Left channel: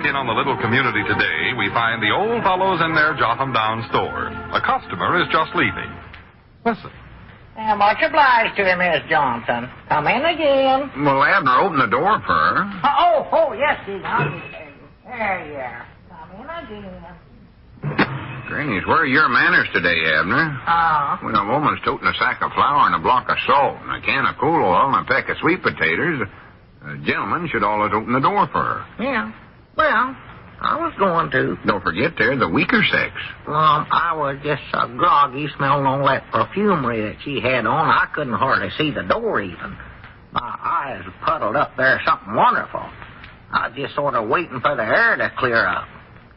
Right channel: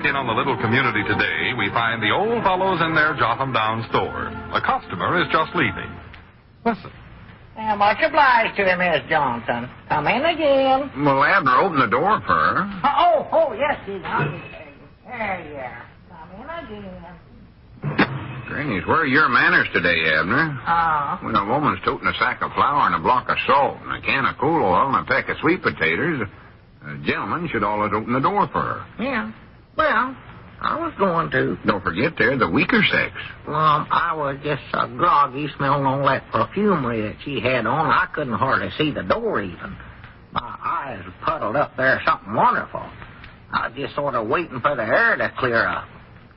look in on the little community today, we find the old fellows in their Jotham-down store. A customer is just leaving. Listen. Much obliged to you, Miss Johnson. Come in again. Well, Abner, open the door for her. Yes, Steve. There you are. Come in again. Granny's, where are your manners today, Abner? When a woman's toting a sack of flour and a block of salt and a can of cool oil and a peck of sweet potatoes, a gentleman should always open the door for her. Yeah. Well, I was going to. Don't forget, they're the weaker sex. I was just so groggy smelling all that perfumery that she had on. I couldn't hardly see the door even. My eyes puddled up there something wonderful. I was just sort of waiting for the air to clear up.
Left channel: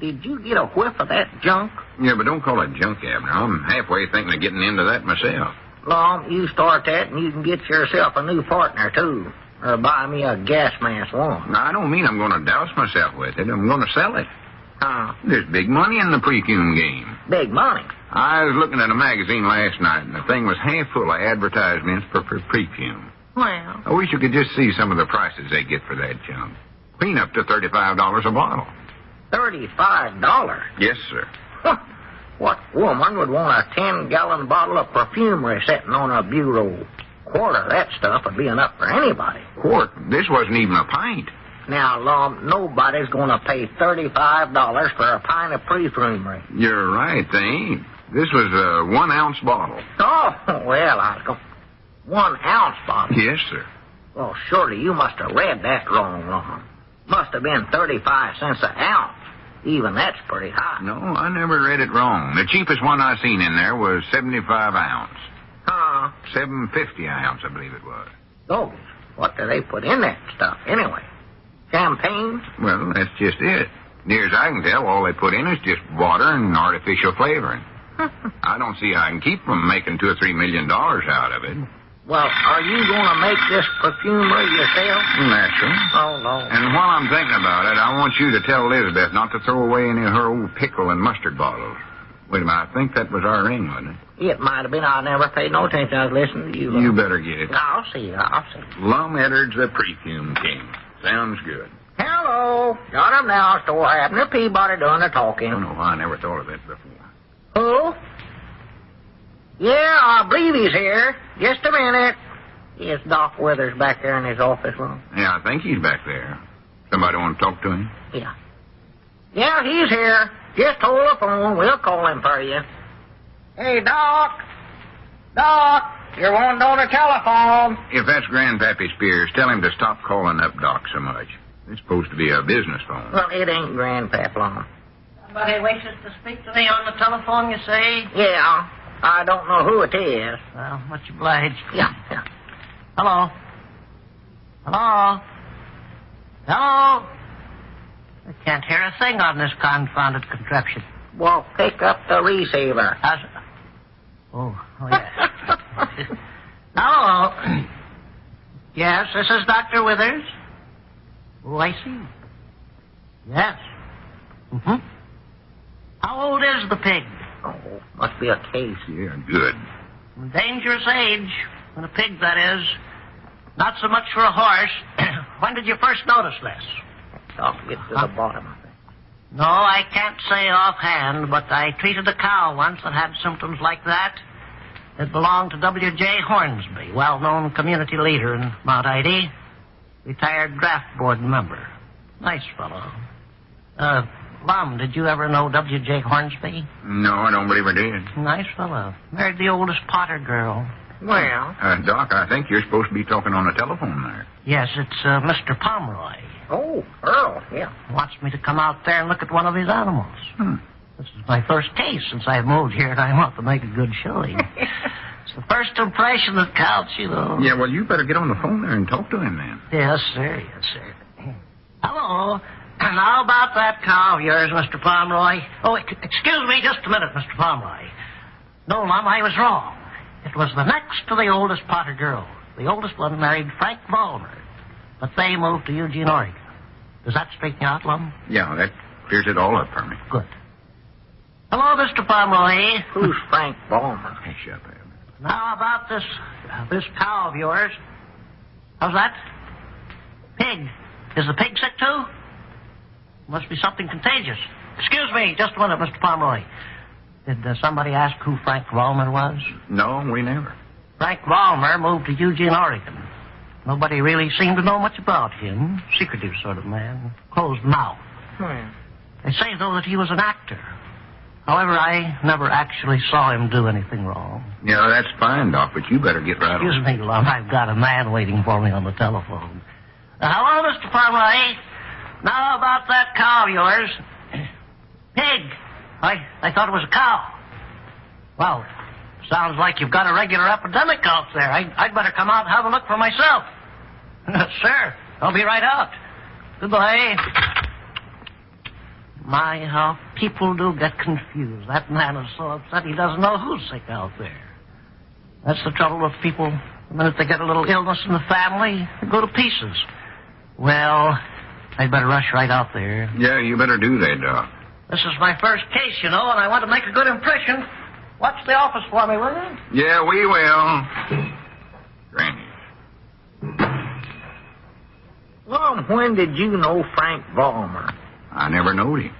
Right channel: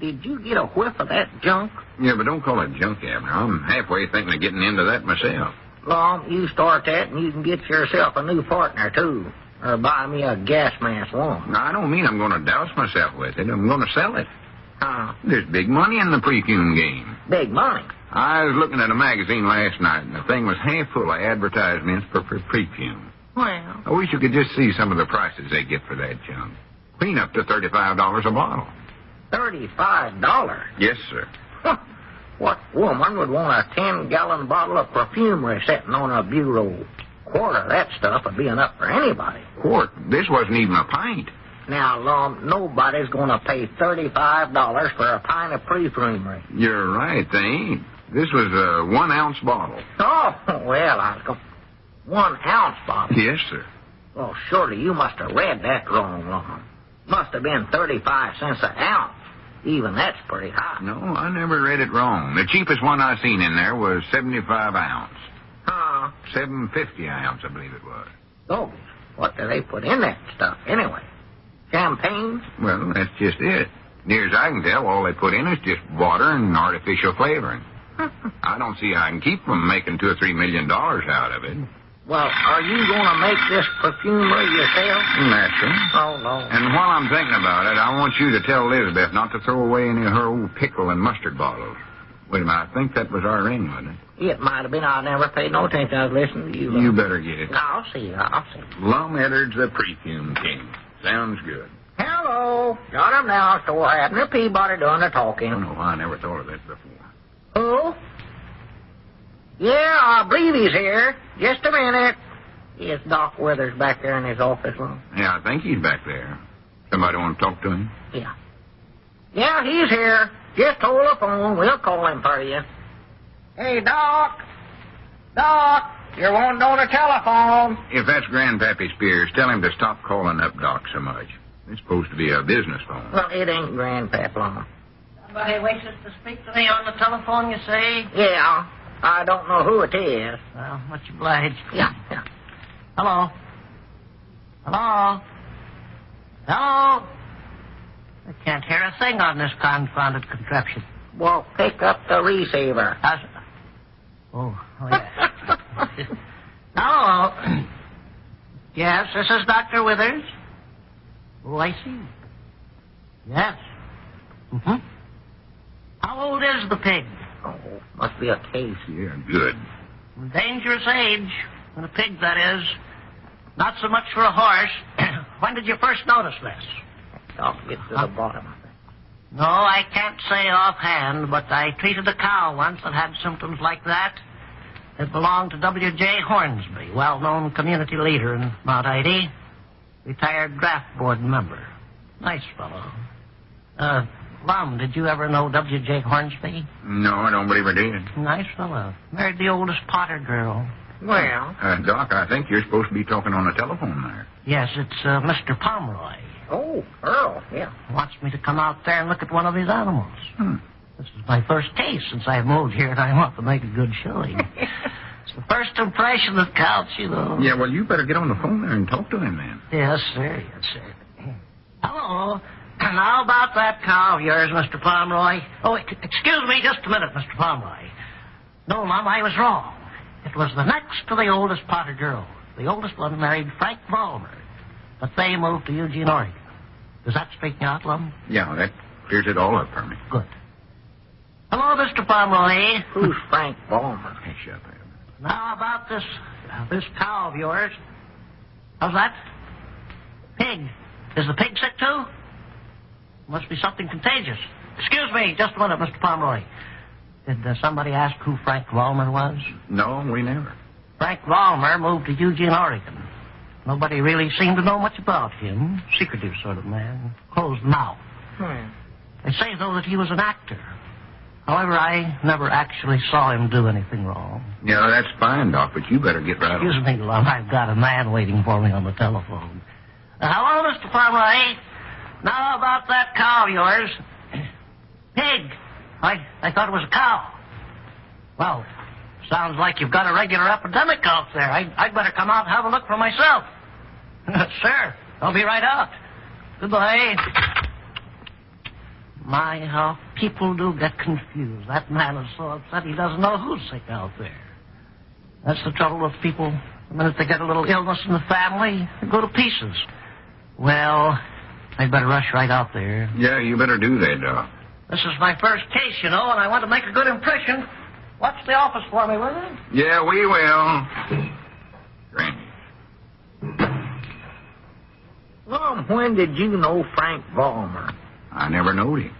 Did you get a whiff of that junk? Yeah, but don't call it junk, Abner. I'm halfway thinking of getting into that myself. You start that and you can get yourself a new partner, too. Or buy me a gas mask one. No, I don't mean I'm going to douse myself with it. I'm going to sell it. There's big money in the Perfume game. Big money? I was looking at a magazine last night, and the thing was half full of advertisements for Perfume. Well, I wish you could just see some of the prices they get for that junk. Clean up to $35 a bottle. $35? Yes, sir. What woman would want a 10-gallon bottle of perfumery sitting on a bureau? Quart of that stuff would be enough for anybody. Quart? This wasn't even a pint. Now, Lum, nobody's going to pay $35 for a pint of perfumery. You're right, they ain't. This was a 1-ounce bottle. Well, I go 1-ounce bottle? Yes, sir. Well, surely you must have read that wrong, Lum. Must have been 35 cents an ounce. Even that's pretty high. No, I never read it wrong. The cheapest one I seen in there was 75 ounce. $7.50 an ounce, I believe it was. Oh, what do they put in that stuff anyway? Champagne? Well, that's just it. Near as I can tell, all they put in is just water and artificial flavoring. I don't see how I can keep them making $2 or $3 million out of it. Well, are you going to make this perfumery yourself? Naturally. Oh, no. And while I'm thinking about it, I want you to tell Elizabeth not to throw away any of her old pickle and mustard bottles. Wait a minute, I think that was our ring, wasn't it? It might have been. I never paid no attention. I was listening to you. You better get it. I'll see. Lum Edwards, the Perfume King. Sounds good. Hello. Got him now, store Abner Peabody doing the talking. Oh, no, I never thought of that before. Who? Yeah, I believe he's here. Just a minute. Is Doc Withers back there in his office room? Yeah, I think he's back there. Somebody want to talk to him? Yeah. Yeah, he's here. Just hold the phone. We'll call him for you. Hey, Doc. Doc, you're wanting on the telephone. If that's Grandpappy Spears, tell him to stop calling up Doc so much. It's supposed to be a business phone. Well, it ain't Grandpap Long. Somebody wishes to speak to me on the telephone, you say? Yeah. I don't know who it is. Well, much obliged. Yeah. Hello? Hello? Hello? I can't hear a thing on this confounded contraption. Well, pick up the receiver. Yes. Hello? Yes, this is Dr. Withers. Oh, I see. Yes. Mm-hmm. How old is the pig? Oh, must be a case. Yeah, good. Dangerous age. When a pig, that is. Not so much for a horse. When did you first notice this? I'll get to the bottom of it. No, I can't say offhand, but I treated a cow once that had symptoms like that. It belonged to W.J. Hornsby, well-known community leader in Mount Ida, retired draft board member. Nice fellow. Lum, did you ever know W.J. Hornsby? No, I don't believe I did. Nice fellow. Married the oldest Potter girl. Well... Doc, I think you're supposed to be talking on the telephone there. Yes, it's Mr. Pomeroy. Oh, Earl, yeah. Wants me to come out there and look at one of his animals. This is my first case since I moved here, and I want to make a good showing. It's the first impression that counts, you know. Yeah, well, you better get on the phone there and talk to him, then. Yes, sir. Yes, sir. Hello. And how about that cow of yours, Mr. Pomeroy? Oh, excuse me just a minute, Mr. Pomeroy. No, Mom, I was wrong. It was the next to the oldest Potter girl. The oldest one married Frank Vollmer. But they moved to Eugene, Oregon. Does that straighten you out, Lum? Yeah, that clears it all up for me. Good. Hello, Mr. Pomeroy. Who's Frank Vollmer? Hey, shut up. Now, about this cow of yours. How's that? Pig. Is the pig sick, too? Must be something contagious. Excuse me, just a minute, Mr. Pomeroy. Did somebody ask who Frank Vollmer was? No, we never. Frank Vollmer moved to Eugene, Oregon. Nobody really seemed to know much about him. Secretive sort of man. Closed mouth. They say, though, that he was an actor. However, I never actually saw him do anything wrong. Yeah, that's fine, Doc, but you better get right on. Excuse me, Lum. I've got a man waiting for me on the telephone. Hello, Mr. Pomeroy. Now about that cow of yours. Pig. I thought it was a cow. Well, sounds like you've got a regular epidemic out there. I'd better come out and have a look for myself. Sure. I'll be right out. Goodbye. My, how people do get confused. That man is so upset he doesn't know who's sick out there. That's the trouble with people. The minute they get a little illness in the family, they go to pieces. Well, I'd better rush right out there. Yeah, you better do that, Doc. This is my first case, you know, and I want to make a good impression. Watch the office for me, will you? Yeah, we will. Granny. Well, when did you know Frank Vollmer? I never knowed him.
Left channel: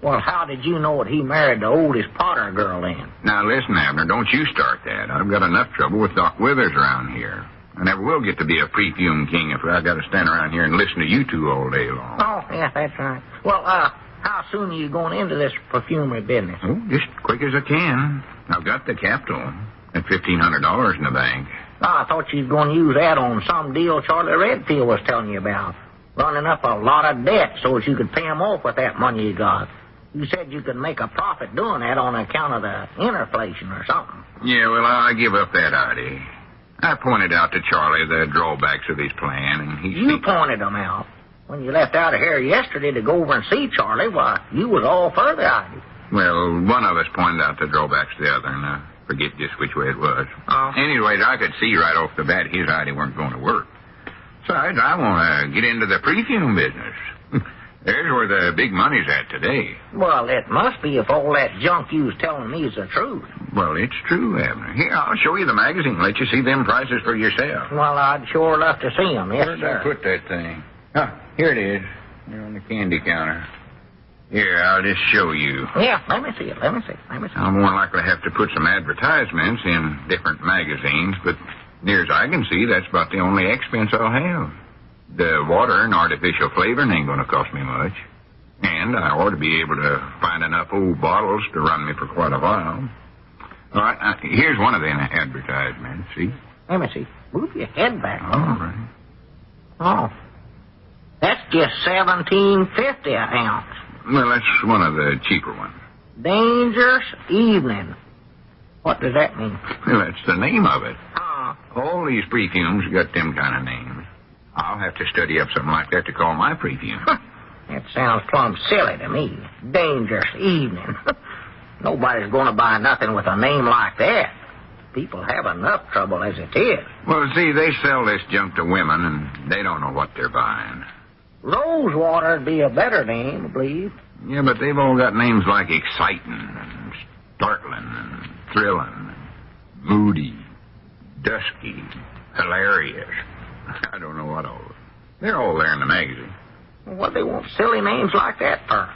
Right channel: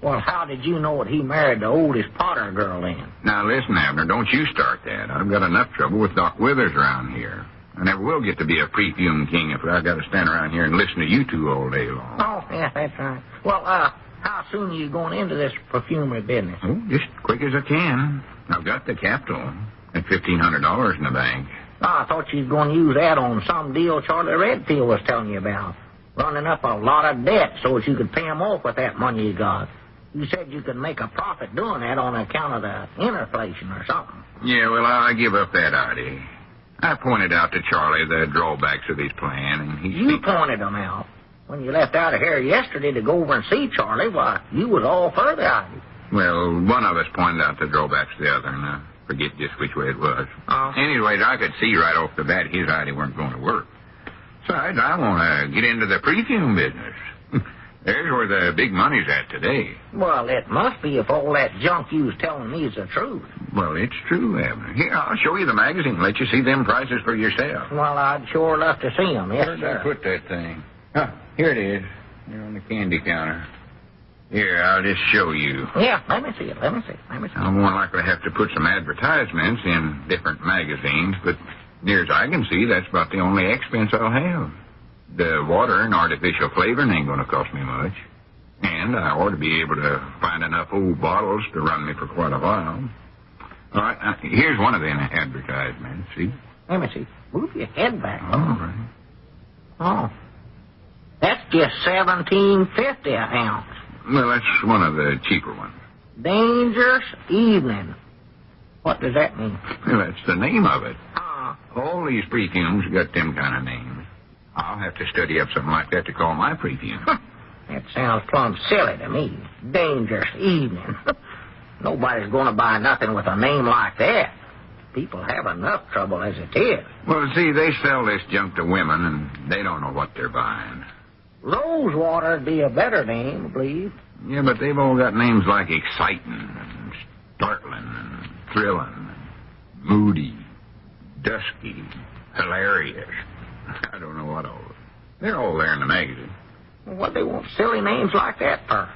Well, how did you know that he married the oldest Potter girl then? Now, listen, Abner, don't you start that. I've got enough trouble with Doc Withers around here. I never will get to be a perfume king if I've got to stand around here and listen to you two all day long. Oh, yeah, that's right. Well, how soon are you going into this perfumery business? Oh, just quick as I can. I've got the capital at $1,500 in the bank. Oh, I thought you was going to use that on some deal Charlie Redfield was telling you about. Running up a lot of debt so as you could pay him off with that money you got. You said you could make a profit doing that on account of the inflation or something. Yeah, well, I give up that idea. I pointed out to Charlie the drawbacks of his plan, and he... You pointed them out. When you left out of here yesterday to go over and see Charlie, why, you was all for the idea. Well, one of us pointed out the drawbacks to the other, and I forget just which way it was. Anyways, I could see right off the bat his idea weren't going to work. Besides, I want to get into the perfume business. There's where the big money's at today. Well, it must be if all that junk you was telling me is the truth. Well, it's true, Abner. Here, I'll show you the magazine. Let you see them prices for yourself. Well, I'd sure love to see them, yes, Where did sir. I put that thing? Oh, here it is. Here on the candy counter. Here, I'll just show you. Yeah, let me see it. Let me see. I'll more likely have to put some advertisements in different magazines, but near as I can see, that's about the only expense I'll have. The water and artificial flavoring ain't going to cost me much. And I ought to be able to find enough old bottles to run me for quite a while. All right, here's one of them advertisements, see? Let me see. Move your head back. All right. Oh. That's just $17.50 an ounce. Well, that's one of the cheaper ones. Dangerous Evening. What does that mean? Well, that's the name of it. All these perfumes got them kind of names. I'll have to study up something like that to call my perfume. That sounds plumb silly to me. Dangerous Evening. Nobody's going to buy nothing with a name like that. People have enough trouble as it is. Well, see, they sell this junk to women, and they don't know what they're buying. Rosewater'd be a better name, I believe. Yeah, but they've all got names like exciting and startling and thrilling and moody, dusky, hilarious. I don't know what all. They're all there in the magazine. What they want silly names like that for?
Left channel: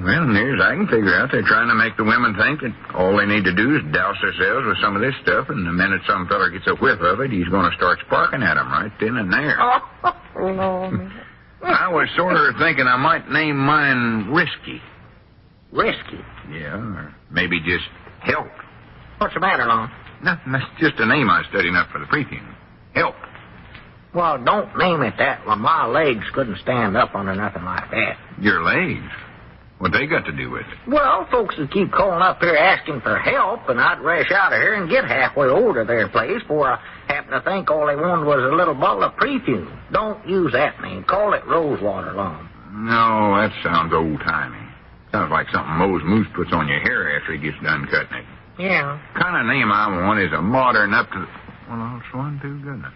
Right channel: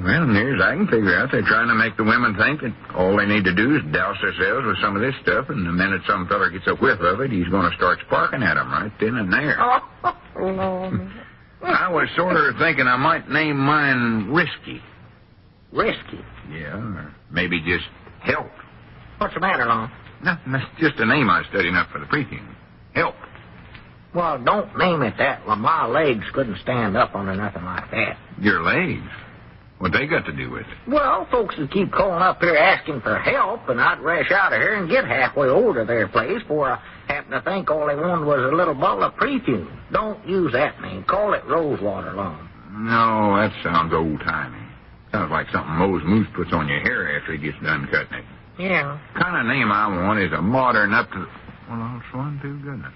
Well, near as I can figure out, they're trying to make the women think that all they need to do is douse themselves with some of this stuff, and the minute some fella gets a whiff of it, he's going to start sparking at them right then and there. Oh, Lord. I was sort of thinking I might name mine Risky. Risky? Yeah, or maybe just Help. What's the matter, Lon? Nothing, that's just a name I was studying up for the perfume. Help. Well, don't name it that. Well, my legs couldn't stand up under nothing like that. Your legs? What they got to do with it? Well, folks would keep calling up there asking for help, and I'd rush out of here and get halfway over to their place before I happened to think all they wanted was a little bottle of perfume. Don't use that name. Call it Rosewater, Lon. No, that sounds old-timey. Sounds like something Mose Moose puts on your hair after he gets done cutting it. Yeah. The kind of name I want is a modern up to... Well, I'll swan to goodness.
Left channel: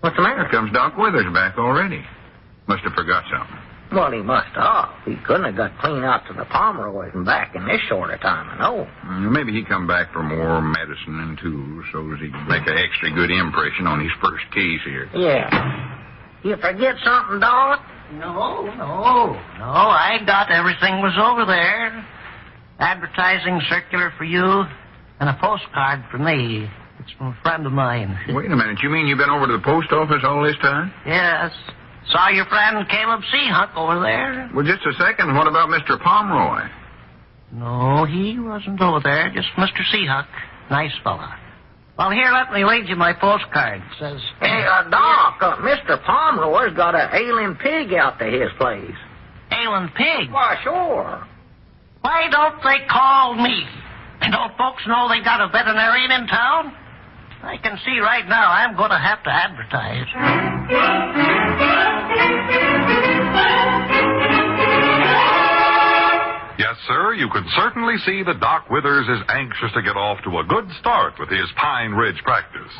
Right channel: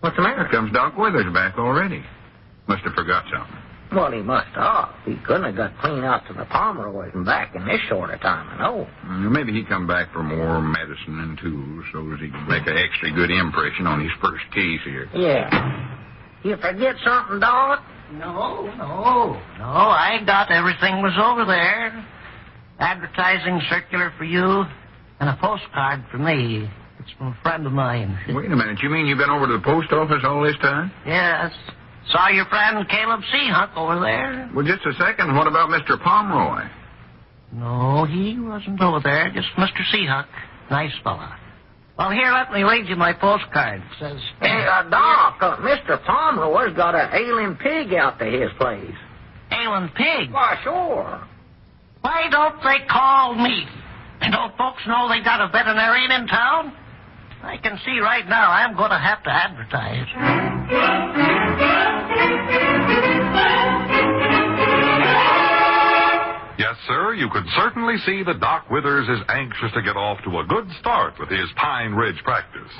What's the matter? Here comes Doc Withers back already. Must have forgot something. Well, he must have. He couldn't have got clean out to the Pomeroys and back in this short of time, I know. Maybe he come back for more medicine and tools so as he can make an extra good impression on his first case here. Yeah. You forget something, Doc? No. I got everything was over there. Advertising circular for you and a postcard for me. It's from a friend of mine. Wait a minute. You mean you've been over to the post office all this time? Yes. Saw your friend Caleb Seahunk over there. Well, just a second. What about Mr. Pomeroy? No, he wasn't over there. Just Mr. Seahunk. Nice fella. Well, here, let me read you my postcard. It says... Hey, Doc, Mr. Pomeroy's got an ailing pig out to his place. Ailing pig? Why, sure. Why don't they call me? Don't folks know they got a veterinarian in town? I can see right now I'm going to have to advertise. Yes, sir, you could certainly see that Doc Withers is anxious to get off to a good start with his Pine Ridge practice.